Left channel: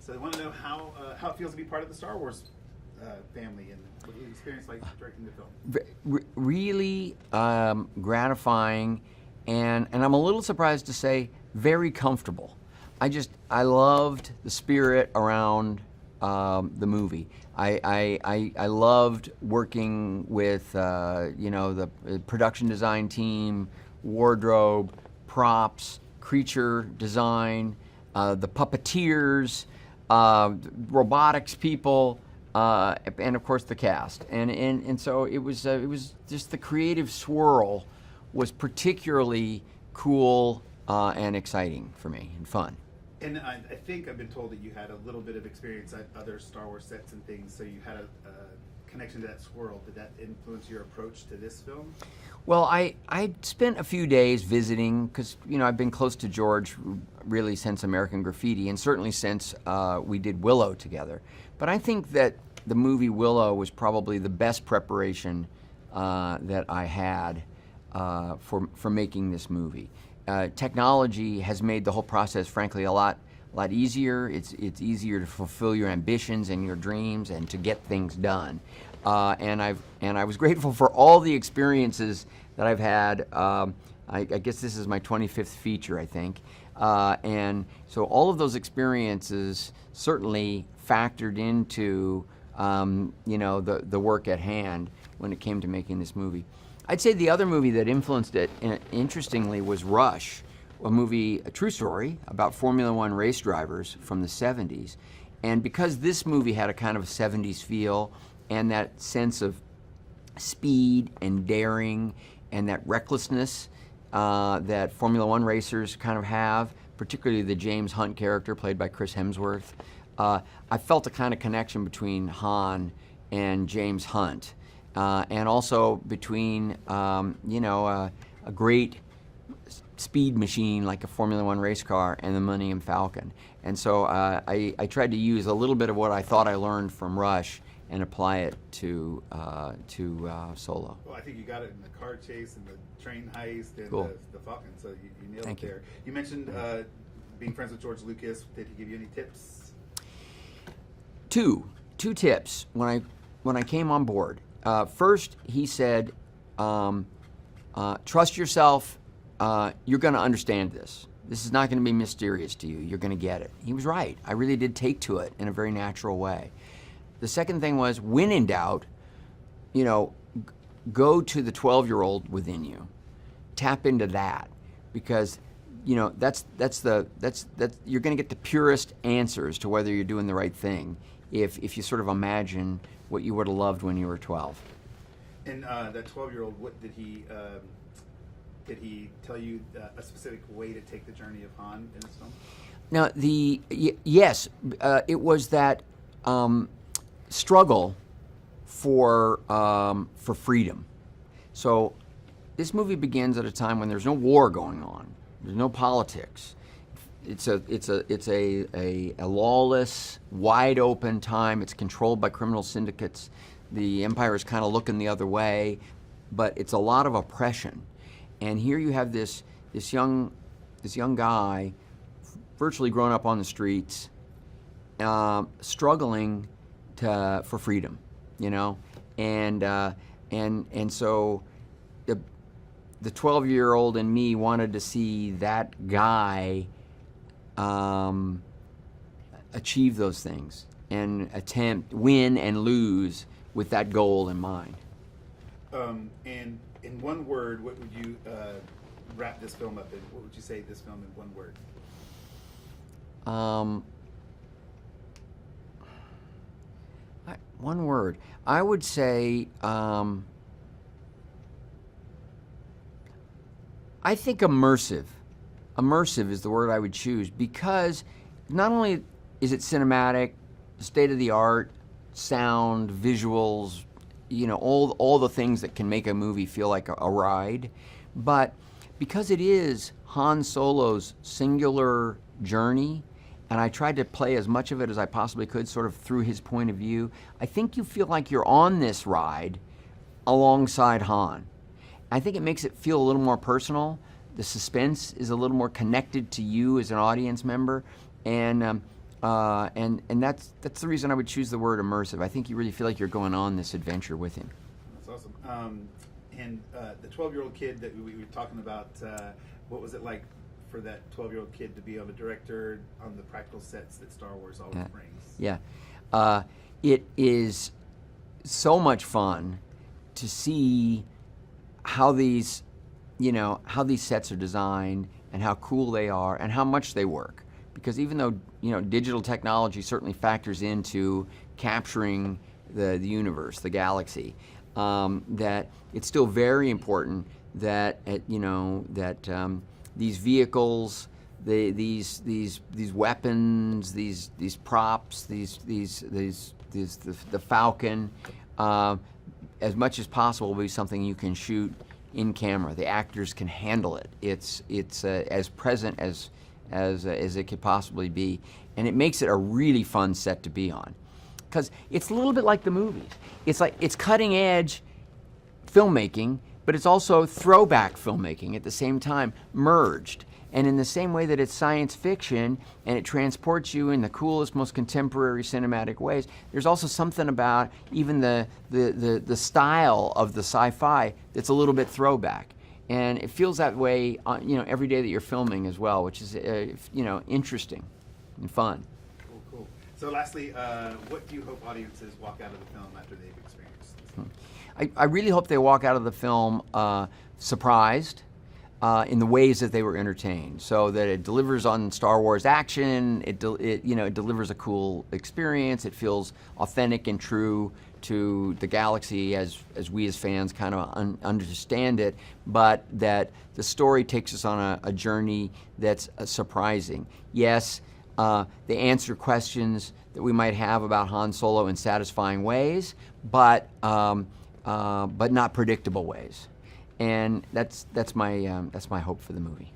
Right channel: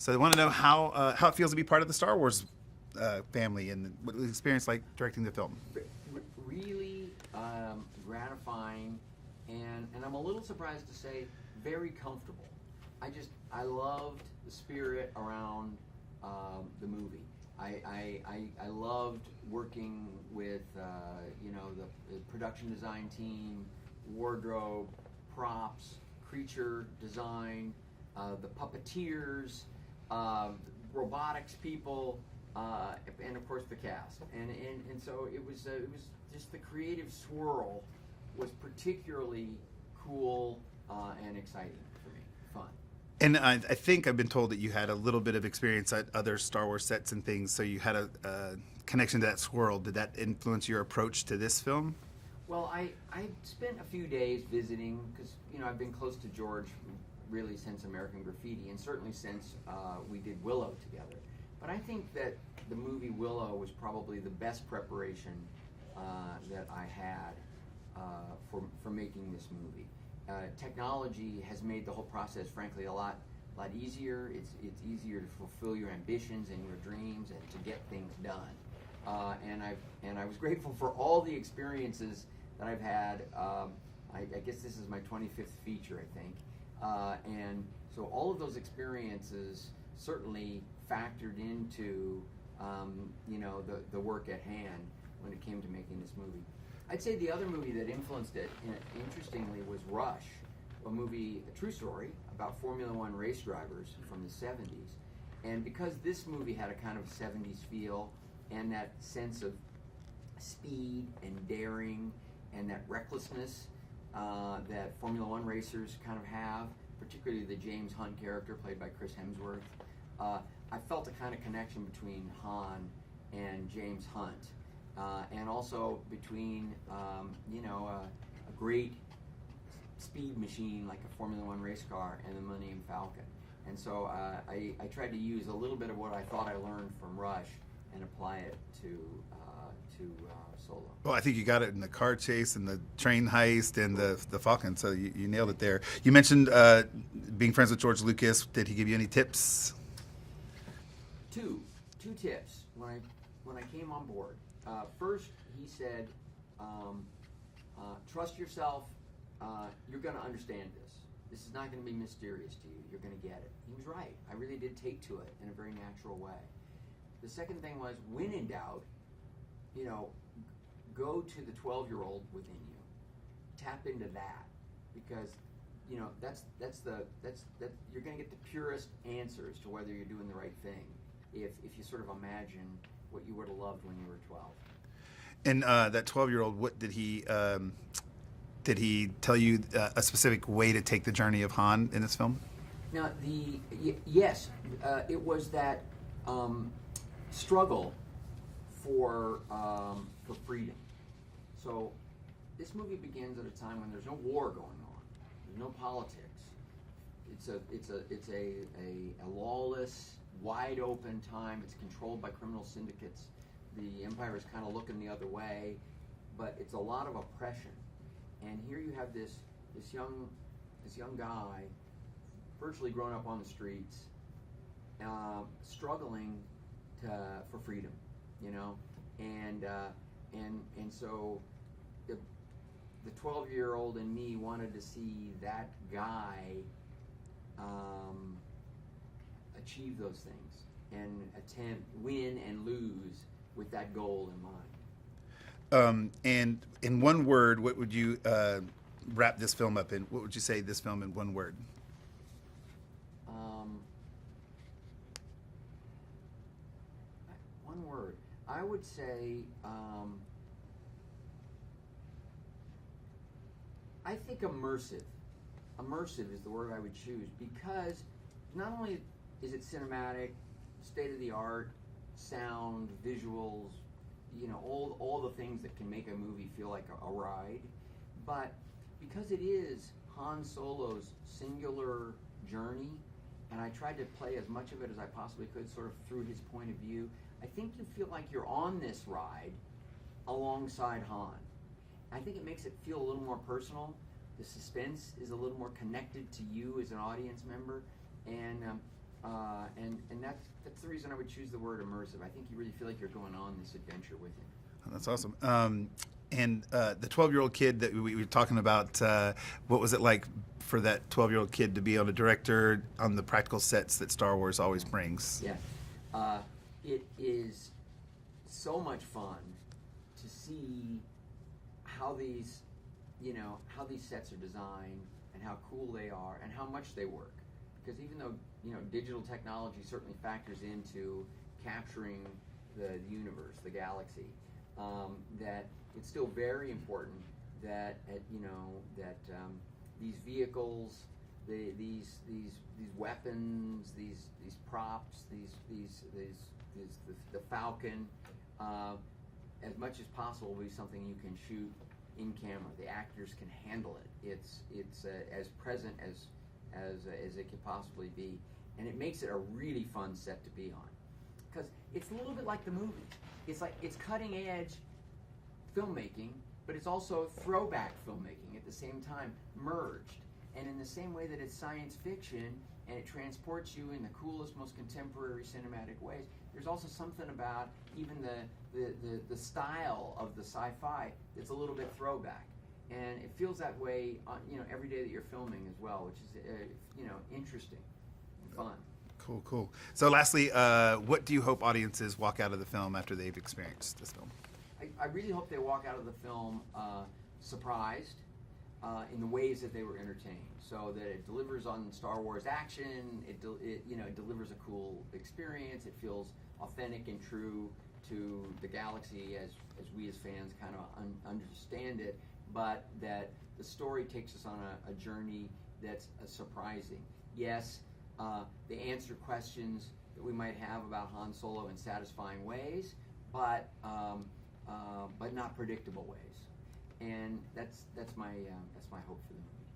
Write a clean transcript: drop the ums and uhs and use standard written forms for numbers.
So they want to know how it feels to be part of the Star Wars family and what the experience like directing the film. Really gratifying, and I'm a little surprised to say very comfortable. I loved the spirit around the movie. I loved working with the production design team, wardrobe, props, creature design, the puppeteers, robotics people, and of course the cast. And so it was just the creative swirl was particularly cool and exciting for me and fun. And I think I've been told that you had a little bit of experience at other Star Wars sets and things, so you had a connection to that swirl. Did that influence your approach to this film? Well, I spent a few days visiting because I've been close to George really since American Graffiti, and certainly since we did Willow together. But I think that the movie Willow was probably the best preparation that I had for making this movie. Technology has made the whole process, frankly, a lot easier. It's easier to fulfill your ambitions and your dreams and to get things done. And I was grateful for all the experiences that I've had. I guess this is my 25th feature, I think. And so all of those experiences certainly factored into the work at hand when it came to making this movie. I'd say the other movie that influenced it, interestingly, was Rush, a true story about Formula One race drivers from the 70s. And because this movie had a kind of 70s feel and that sense of speed and daring and that recklessness that Formula One racers kind of have, particularly the James Hunt character played by Chris Hemsworth, I felt a kind of connection between Han and James Hunt. And also between, a great speed machine like a Formula One race car and the Millennium Falcon. And so I tried to use a little bit of what I thought I learned from Rush and apply it to Solo. Well, I think you got it in the car chase and the train heist and Cool. the Falcon, so you nailed Thank it there. You mentioned being friends with George Lucas. Did he give you any tips? Two tips when I came on board. First, he said, trust yourself. You're going to understand this. This is not going to be mysterious to you. You're going to get it. He was right. I really did take to it in a very natural way. The second thing was, when in doubt, go to the 12-year-old within you. Tap into that, because that's you're going to get the purest answers to whether you're doing the right thing if you sort of imagine what you would have loved when you were 12. And that 12-year-old, what did he tell you a specific way to take the journey of Han in this film? Now, yes, it was that struggle for freedom. So this movie begins at a time when there's no war going on. There's no politics. It's a lawless, wide open time. It's controlled by criminal syndicates. The empire is kind of looking the other way, but it's a lot of oppression. And here you have this young guy, virtually grown up on the streets, struggling for freedom, and so the 12-year-old in me wanted to see that guy achieve those things and win and lose with that goal in mind. And in one word, what would you wrap this film up in? What would you say this film in one word? One word. I would say, I think immersive. Immersive is the word I would choose, because not only is it cinematic, state-of-the-art, sound, visuals, all the things that can make a movie feel like a ride, but because it is Han Solo's singular journey, and I tried to play as much of it as I possibly could sort of through his point of view, I think you feel like you're on this ride alongside Han. I think it makes it feel a little more personal. The suspense is a little more connected to you as an audience member, and and that's the reason I would choose the word immersive. I think you really feel like you're going on this adventure with him. That's awesome. And the 12-year-old kid that we were talking about, what was it like for that 12-year-old kid to be on a director on the practical sets that Star Wars always brings? Yeah. It is so much fun to see how these sets are designed and how cool they are and how much they work. Because even though, digital technology certainly factors into capturing the universe, the galaxy, that it's still very important that these vehicles, these weapons, these props, the Falcon, as much as possible, will be something you can shoot in camera. The actors can handle it. It's as present as it could possibly be, and it makes it a really fun set to be on, because it's a little bit like the movies. It's cutting edge filmmaking, but it's also throwback filmmaking at the same time, merged. And in the same way that it's science fiction and it transports you in the coolest, most contemporary cinematic ways, there's also something about even the style of the sci-fi that's a little bit throwback. And it feels that way, every day that you're filming as well, which is, interesting and fun. Cool. So lastly, what do you hope audiences walk out of the film after they've experienced this film? I really hope they walk out of the film surprised in the ways that they were entertained, so that it delivers on Star Wars action. It delivers a cool experience. It feels authentic and true to the galaxy as we as fans kind of understand it, but that the story takes us on a journey that's surprising. Yes, they answer questions that we might have about Han Solo in satisfying ways, but not predictable ways. And that's my hope for the movie.